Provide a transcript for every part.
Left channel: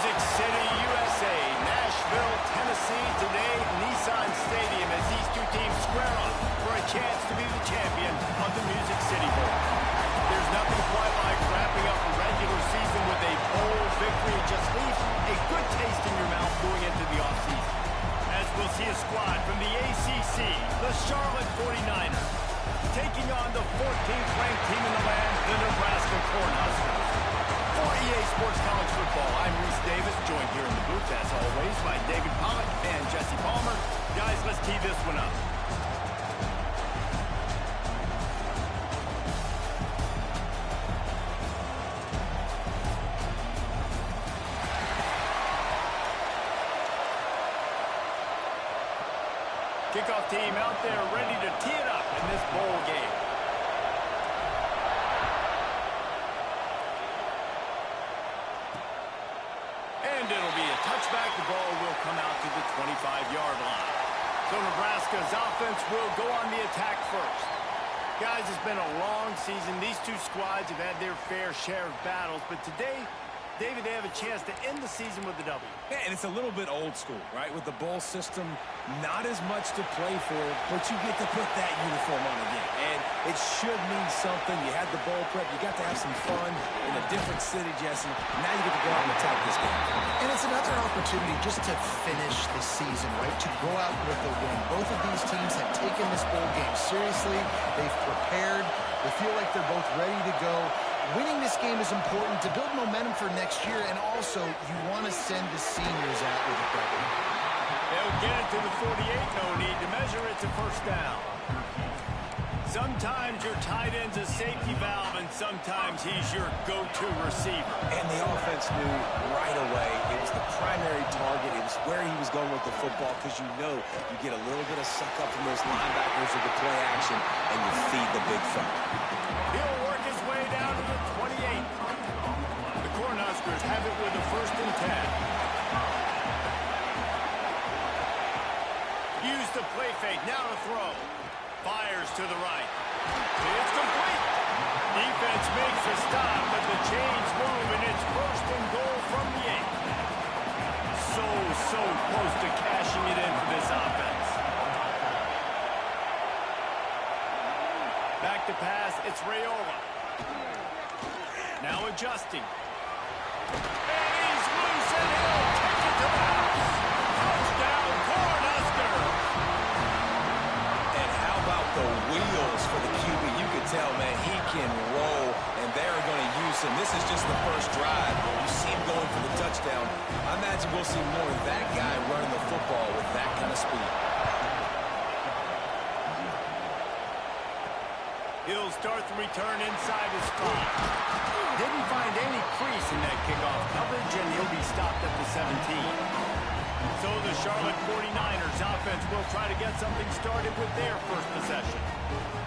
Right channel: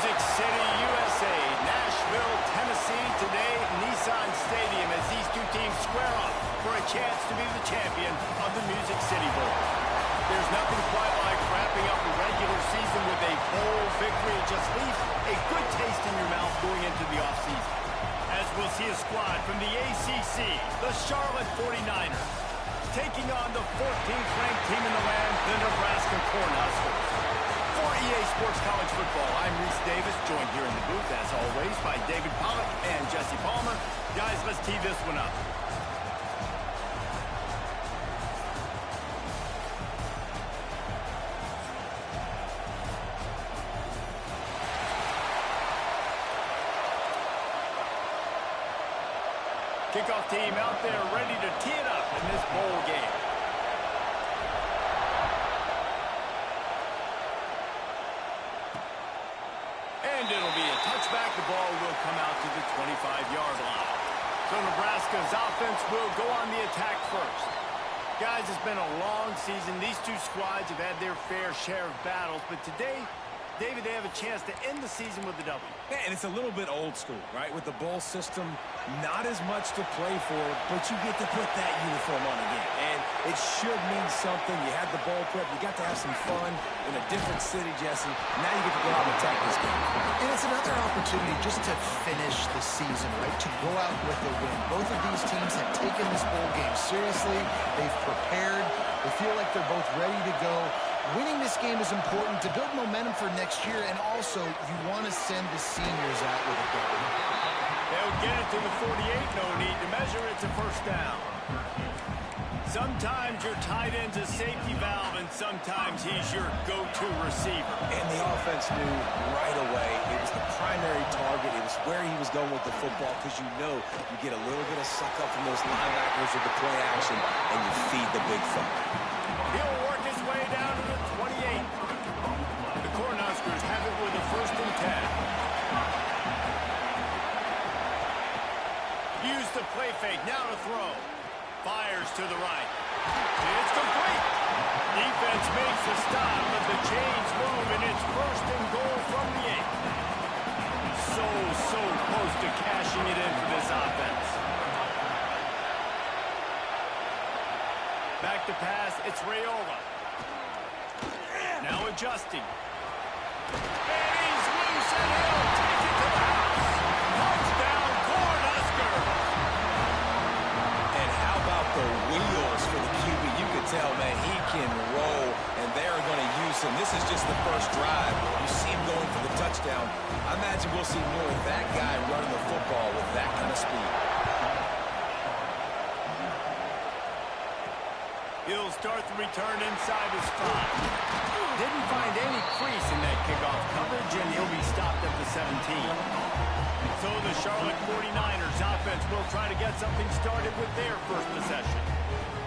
Music City, USA, Nashville, Tennessee, today Nissan Stadium as these two teams square up for a chance to be the champion of the Music City Bowl. There's nothing quite like wrapping up a regular season with a bowl victory. It just leaves a good taste in your mouth going into the offseason. As we'll see a squad from the ACC, the Charlotte 49ers, taking on the 14th ranked team in the land, the Nebraska Cornhuskers. For EA Sports College Football, I'm Reese Davis, joined here in the booth, as always, by David Pollack and Jesse Palmer. Guys, let's tee this one up. Kickoff team out there ready to tee it up in this bowl game. And it'll be a touchback. The ball will come out to the 25-yard line. So Nebraska's offense will go on the attack first. Guys, it's been a long season. These two squads have had their fair share of battles, but today, David, they have a chance to end the season with a W. Yeah, and it's a little bit old school, right? With the bowl system, not as much to play for, but you get to put that uniform on again. And it should mean something. You had the bowl prep. You got to have some fun in a different city, Jesse. Now you get to go out and attack this game. And it's another opportunity just to finish the season, right? To go out with a win. Both of these teams have taken this bowl game seriously. They've prepared. They feel like they're both ready to go. Winning this game is important to build momentum for next year, and also you want to send the seniors out with a W. They'll get it to the 48, no need to measure, it's a first down. Sometimes your tight end's a safety valve, and sometimes he's your go-to receiver. And the offense knew right away it was the primary target. It was where he was going with the football, because you know you get a little bit of suck-up from those linebackers with the play action, and you feed the big fella. He'll work his way down to the 28. The Cornhuskers have it with a 1st and 10. Use the play fake, now to throw. Fires to the right. It's complete. Defense makes the stop, but the chains move, and it's 1st and goal from the 8. So close to cashing it in for this offense. Back to pass, it's Raiola. Now adjusting. And he's loose, and he'll take it to the house. Touchdown, Cornhuskers! And how about the wheels for the QB? You could tell, man, he can roll, and they're going to use him. This is just the first drive. You see him going for the touchdown. I imagine we'll see more of that guy running the football with that kind of speed. He'll start the return inside his 5. Didn't find any crease in that kickoff coverage, and he'll be stopped at the 17. So the Charlotte 49ers offense will try to get something started with their first possession.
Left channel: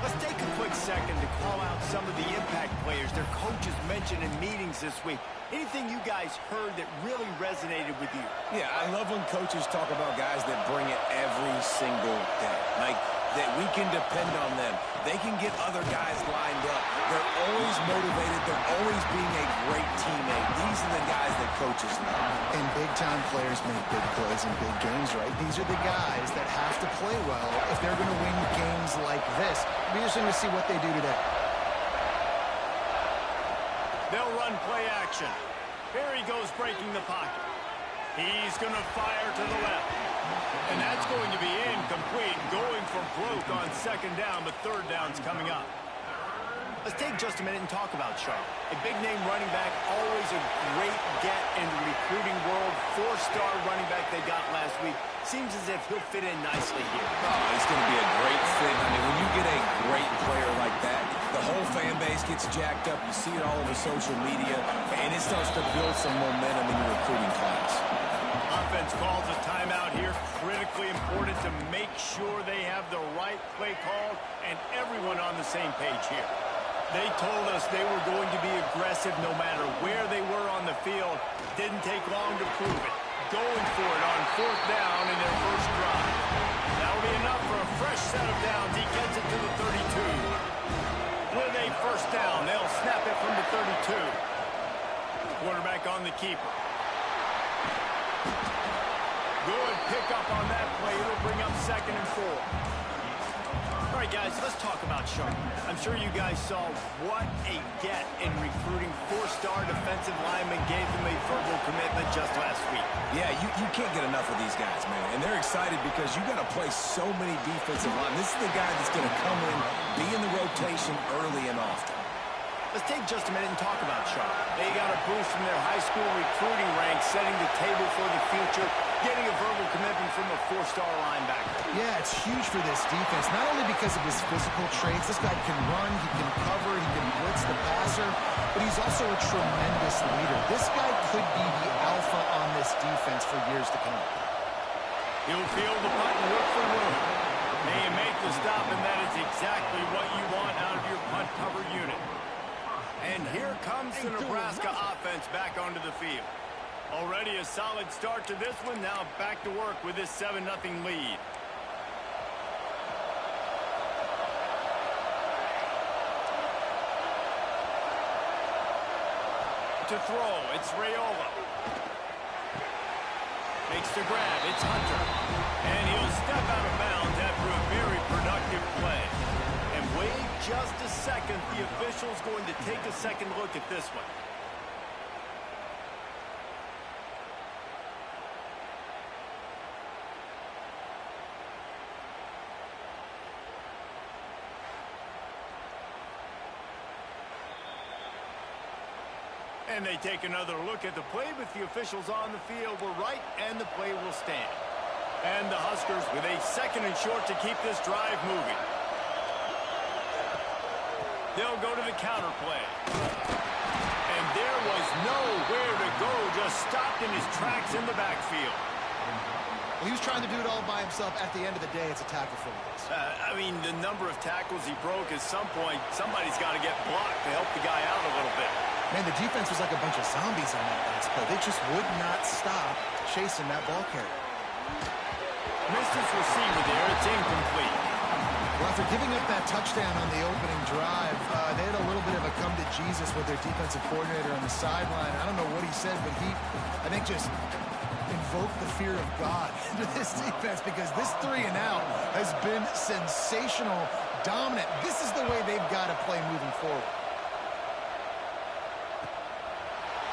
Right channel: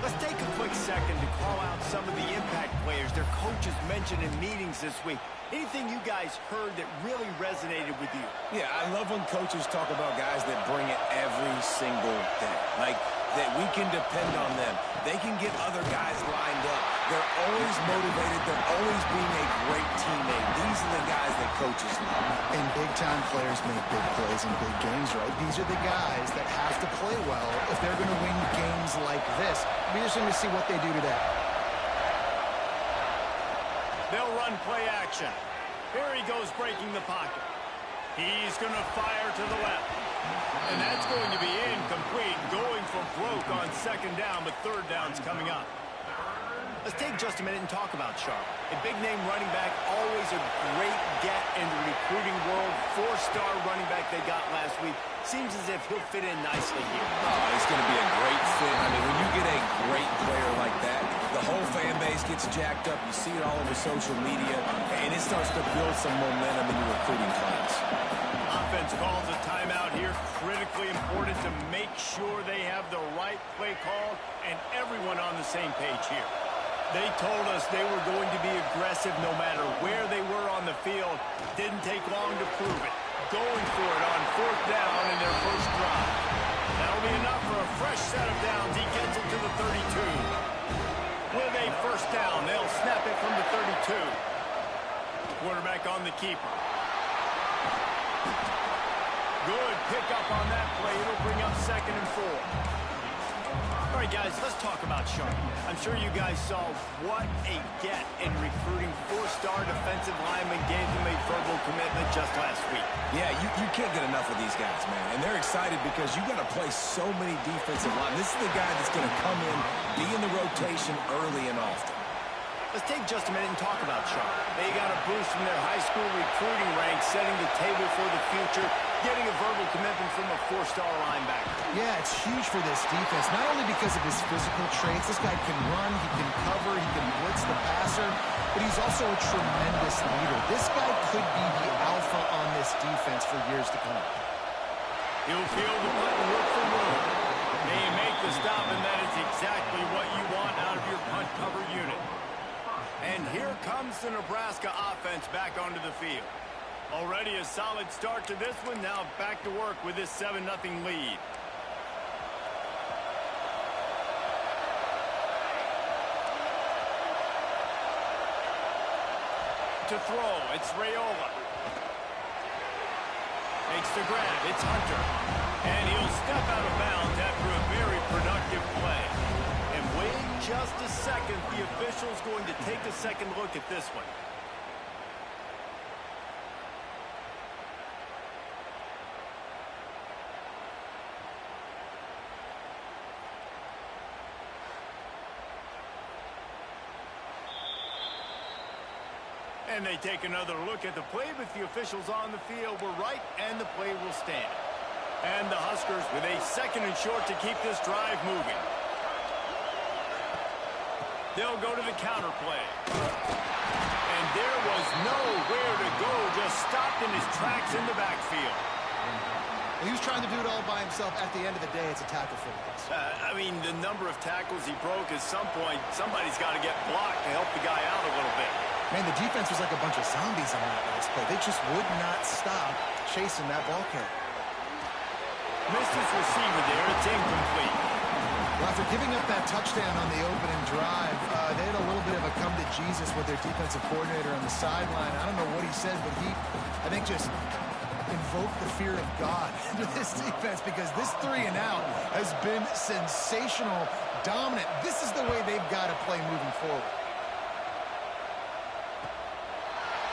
Let's take a quick second to call out some of the impact players their coaches mentioned in meetings this week. Anything you guys heard that really resonated with you? Yeah, I love when coaches talk about guys that bring it every single day. Like, that we can depend on them. They can get other guys lined up. They're always motivated. They're always being a great teammate. These are the guys that coaches love. And big-time players make big plays in big games, right? These are the guys that have to play well if they're going to win games like this. It'll be interesting to see what they do today. They'll run play action. Here he goes breaking the pocket. He's going to fire to the left. And that's going to be incomplete, going for broke on 2nd down, but 3rd down's coming up. Let's take just a minute and talk about Charlotte. A big-name running back, always a great get in the recruiting world. 4-star running back they got last week. Seems as if he'll fit in nicely here. Oh, he's going to be a great fit. I mean, when you get a great player like that, the whole fan base gets jacked up. You see it all over social media, and it starts to build some momentum in your recruiting class. Offense calls a timeout here. Critically important to make sure they have the right play called and everyone on the same page here. They told us they were going to be aggressive no matter where they were on the field. Didn't take long to prove it. Going for it on 4th down in their first drive. That'll be enough for a fresh set of downs. He gets it to the 32. With a 1st down, they'll snap it from the 32. Quarterback on the keeper. Good pickup on that play. It'll bring up 2nd and 4. All right, guys, let's talk about Sharp. I'm sure you guys saw what a get in recruiting 4-star defensive linemen gave them a verbal commitment just last week. Yeah, you can't get enough of these guys, man. And they're excited because you got to play so many defensive linemen. This is the guy that's going to come in, be in the rotation early and often. Let's take just a minute and talk about Sharp. They got a boost from their high school recruiting ranks, setting the table for the future, getting a verbal commitment from a 4-star linebacker. Yeah, it's huge for this defense, not only because of his physical traits. This guy can run, he can cover, he can blitz the passer, but he's also a tremendous leader. This guy could be the alpha on this defense for years to come. He'll field the punt and look for room. They make the stop, and that is exactly what you want out of your punt cover unit. And here comes the Nebraska offense back onto the field. Already a solid start to this one. Now back to work with this 7-0 lead. To throw, it's Raiola. Makes the grab, it's Hunter. And he'll step out of bounds after a very productive play. And wait just a second, the official's going to take a second look at this one. And they take another look at the play, but the officials on the field were right, and the play will stand. And the Huskers with a 2nd and short to keep this drive moving. They'll go to the counter play. And there was nowhere to go, just stopped in his tracks in the backfield. Well, he was trying to do it all by himself. At the end of the day, it's a tackle for loss. I mean, the number of tackles he broke, at some point, somebody's got to get blocked to help the guy out a little bit. Man, the defense was like a bunch of zombies on that last play. They just would not stop chasing that ball carrier. Missed his receiver there. It's incomplete. Well, after giving up that touchdown on the opening drive, they had a little bit of a come to Jesus with their defensive coordinator on the sideline. I don't know what he said, but he, I think, just invoked the fear of God into this defense, because this 3-and-out has been sensational, dominant. This is the way they've got to play moving forward.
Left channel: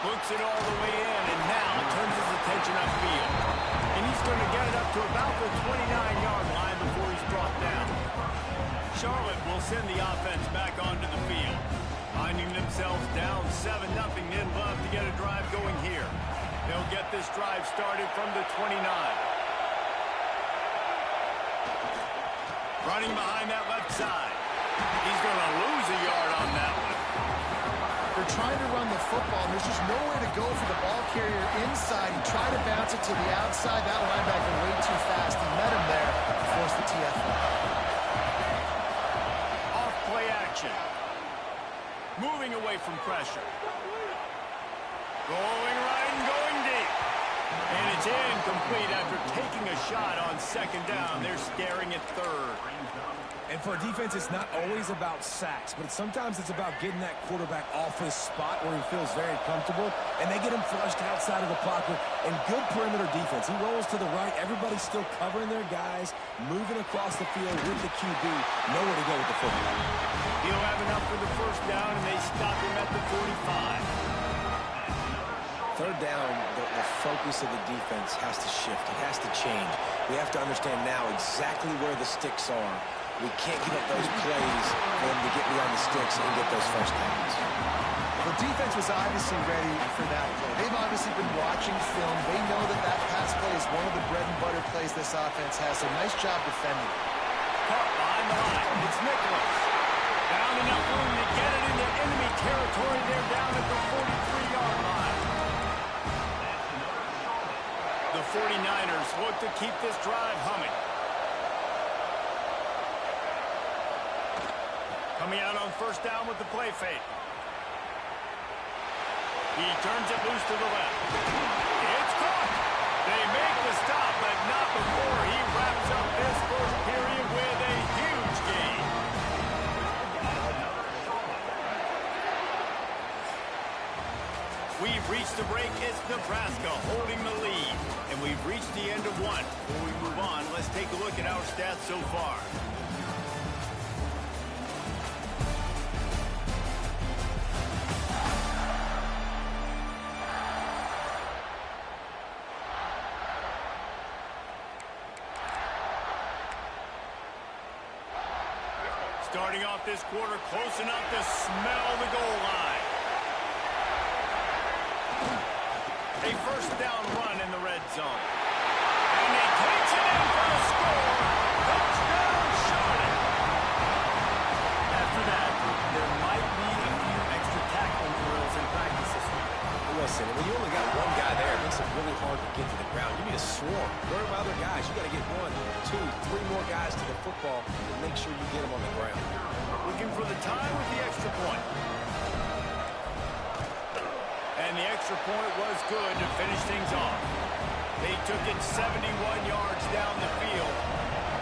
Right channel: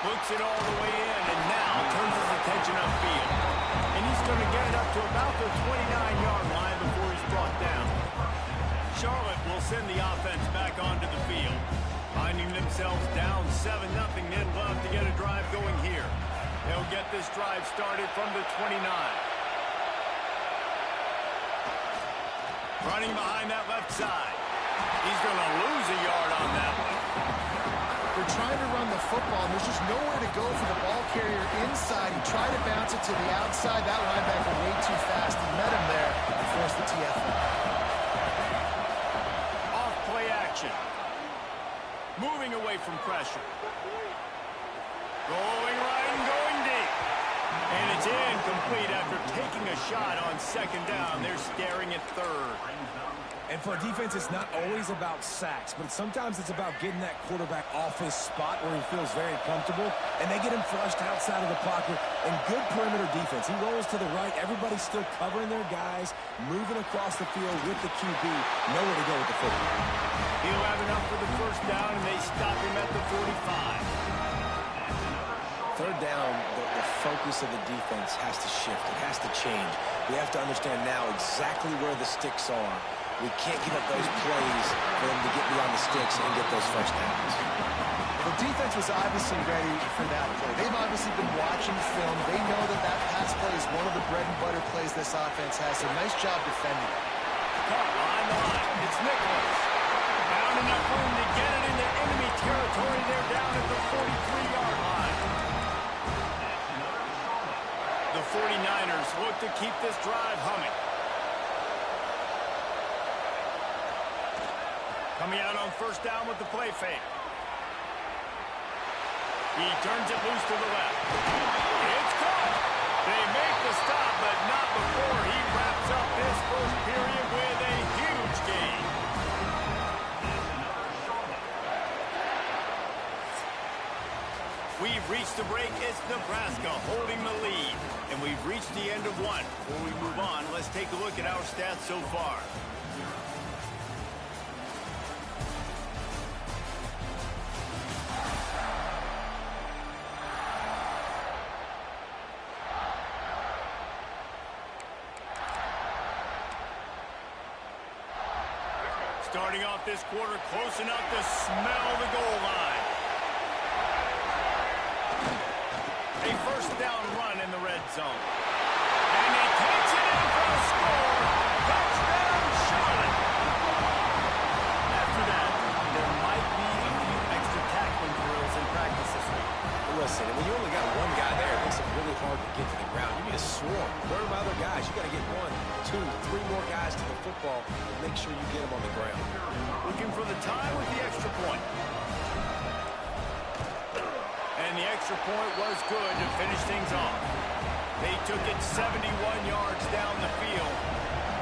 Looks it all the way in, and now turns his attention upfield. And he's going to get it up to about the 29-yard line before he's brought down. Charlotte will send the offense back onto the field. Finding themselves down 7-0, they'd love to get a drive going here. They'll get this drive started from the 29. Running behind that left side. He's going to lose a yard on that one. They're trying to run the football, and there's just nowhere to go for the ball carrier inside. He tried to bounce it to the outside. That linebacker way too fast. He met him there and forced the TFL. Off play action. Moving away from pressure. Going right and going deep. And it's incomplete after taking a shot on 2nd down. They're staring at 3rd. And for a defense, it's not always about sacks, but sometimes it's about getting that quarterback off his spot where he feels very comfortable, and they get him flushed outside of the pocket. And good perimeter defense. He rolls to the right. Everybody's still covering their guys, moving across the field with the QB. Nowhere to go with the football. He'll have enough for the 1st down, and they stop him at the 45. 3rd down, the focus of the defense has to shift. It has to change. We have to understand now exactly where the sticks are. We can't give up those plays for them to get beyond the sticks and get those 1st downs. Well, the defense was obviously ready for that play. They've obviously been watching film. They know that that pass play is one of the bread and butter plays this offense has. So nice job defending. Caught behind the line. It's Nicholas. Found enough room to get it into enemy territory. They're down at the 43-yard line. The 49ers look to keep this drive humming. Coming out on 1st down with the play fake. He turns it loose to the left. It's caught. They make the stop, but not before he wraps up this 1st period with a huge gain. We've reached the break. It's Nebraska holding the lead. And we've reached the end of one. Before we move on, let's take a look at our stats so far. Starting off this quarter close enough to smell the goal line. A first down run in the red zone. And he takes it in for the score. Touchdown, Charlotte. After that, there might be a few extra tackling drills in practice this week. Listen, when you only got one guy there, it makes it really hard to get to the ground. You need a swarm. Where are my other guys? You got to get 1, 2, 3 more guys to the football and make sure you get them on the ground. Looking for the tie with the extra point. And the extra point was good to finish things off. They took it 71 yards down the field.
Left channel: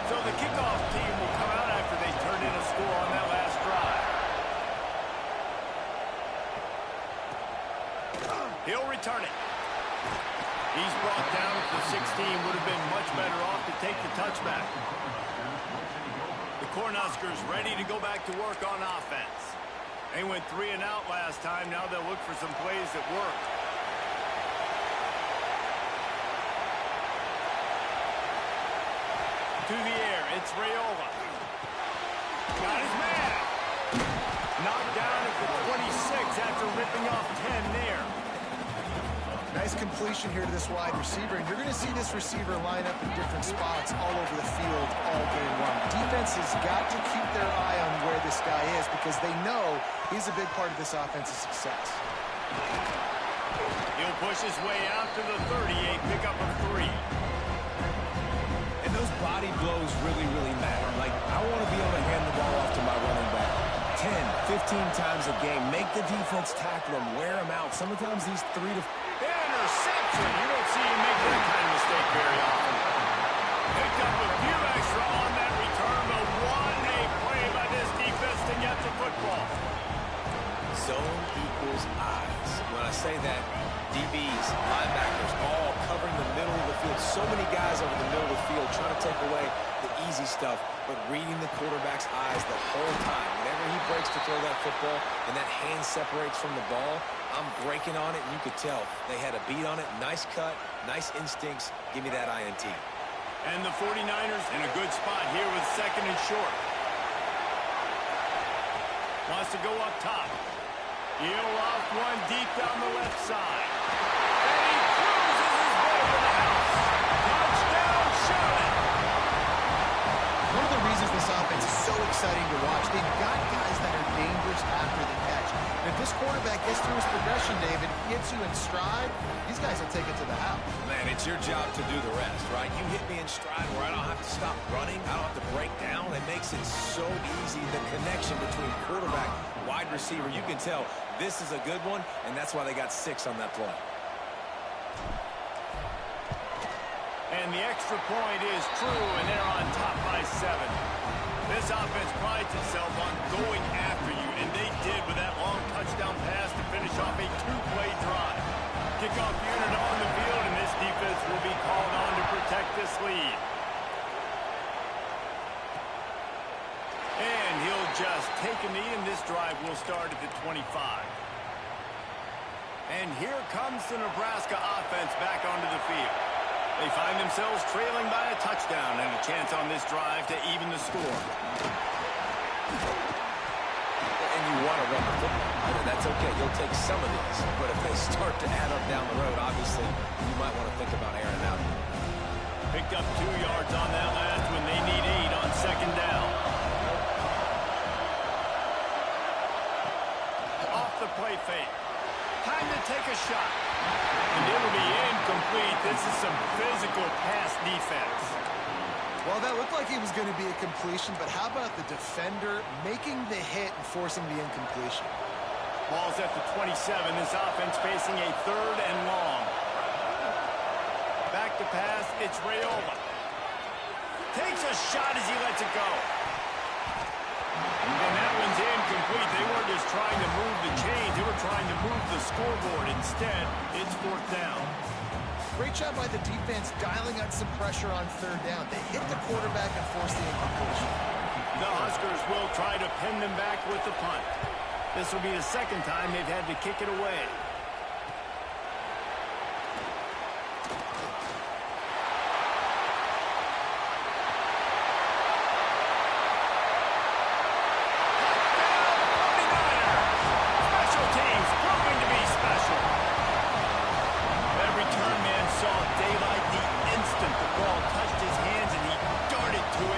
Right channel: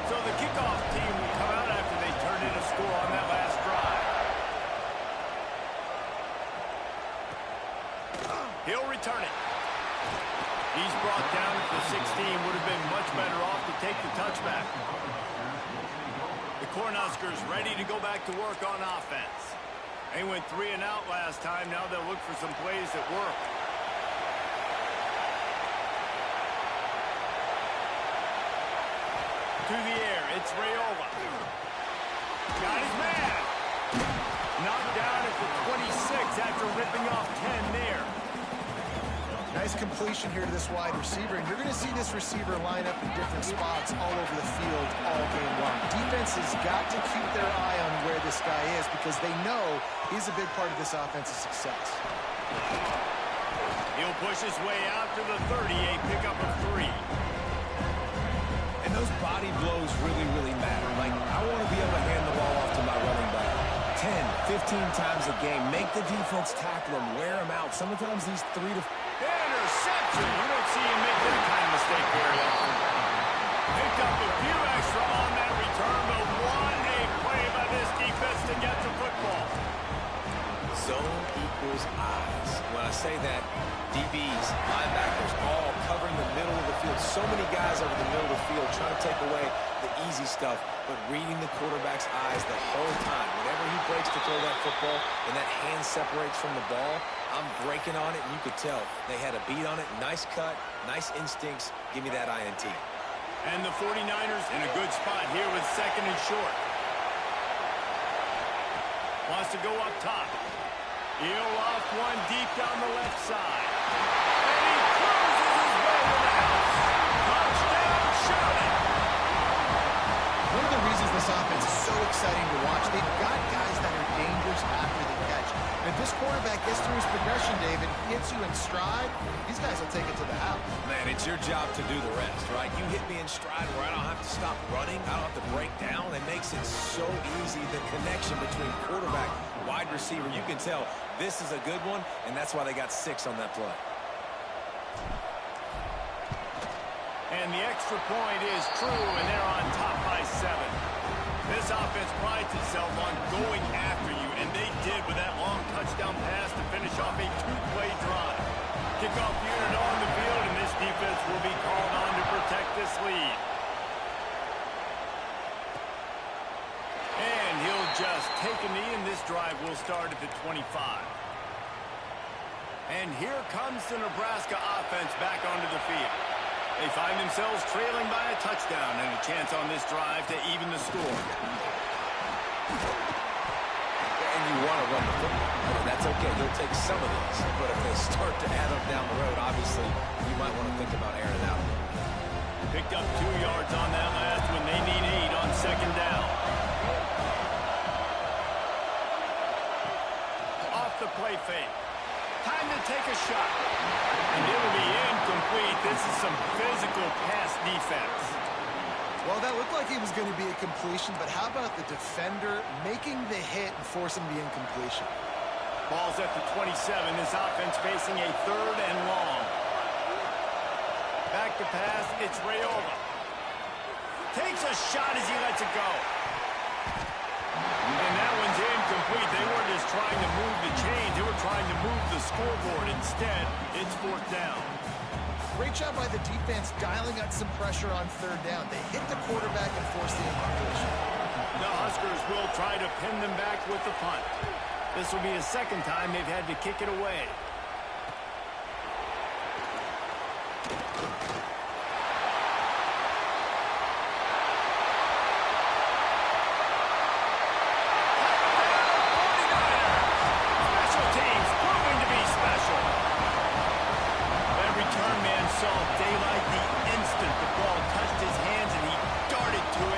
So the kickoff team will come out after they turned in a score on that last drive. He'll return it. He's brought down at the 16. Would have been much better off to take the touchback. The Cornhuskers ready to go back to work on offense. They went 3 and out last time. Now they'll look for some plays that work. To the air, it's Raiola. Got his man. Knocked down at the 26 after ripping off 10 there. Nice completion here to this wide receiver, and you're going to see this receiver line up in different spots all over the field all game long. Defense has got to keep their eye on where this guy is because they know he's a big part of this offense's success. He'll push his way out to the 30, a pickup of 3. And those body blows really, really matter. Like, I want to be able to hand the ball off to my running back 10, 15 times a game. Make the defense tackle him, wear him out. Sometimes these 3 to... Interception. You don't see him make that kind of mistake very often. Picked up a few extra on that return, but what a play by this defense to get the football. Zone equals eyes. When I say that, DBs, linebackers, all covering the middle of the field. So many guys over the middle of the field trying to take away the easy stuff, but reading the quarterback's eyes the whole time. Whenever he breaks to throw that football and that hand separates from the ball, I'm breaking on it, and you could tell they had a beat on it. Nice cut, nice instincts. Give me that INT. And the 49ers in a good spot here with 2nd and short. Wants to go up top. He'll off one deep down the left side. And he cruises his way to the house. Touchdown, Charlotte. One of the reasons this offense is so exciting to watch, they've got guys that are dangerous after the catch. And if this quarterback gets through his progression, David, hits you in stride, these guys will take it to the house. Man, it's your job to do the rest, right? You hit me in stride where I don't have to stop running. I don't have to break down. It makes it so easy, the connection between quarterback, wide receiver. You can tell this is a good one, and that's why they got 6 on that play. And the extra point is true, and they're on top by 7. This offense prides itself on going after you, and they did with that long touchdown pass to finish off a 2-play drive. Kickoff unit on the field, and this defense will be called on to protect this lead. And he'll just take a knee, and this drive will start at the 25. And here comes the Nebraska offense back onto the field. They find themselves trailing by a touchdown and a chance on this drive to even the score. And you want to run the football. I mean, that's okay. You'll take some of these. But if they start to add up down the road, obviously, you might want to think about airing it out. Picked up 2 yards on that last one. They need 8 on 2nd down. Off the play fake. Time to take a shot. And it'll be incomplete. This is some physical pass defense. Well, that looked like it was going to be a completion, but how about the defender making the hit and forcing the incompletion? Ball's at the 27. This offense facing a 3rd and long. Back to pass. It's Raiola. Takes a shot as he lets it go. And that one's incomplete. They weren't just trying to move the chains. They were trying to move the scoreboard. Instead, it's fourth down. Great job by the defense dialing out some pressure on third down. They hit the quarterback and forced the incompletion. The Huskers will try to pin them back with the punt. This will be the second time they've had to kick it away. Return man saw daylight the instant the ball touched his hands, and he darted to it.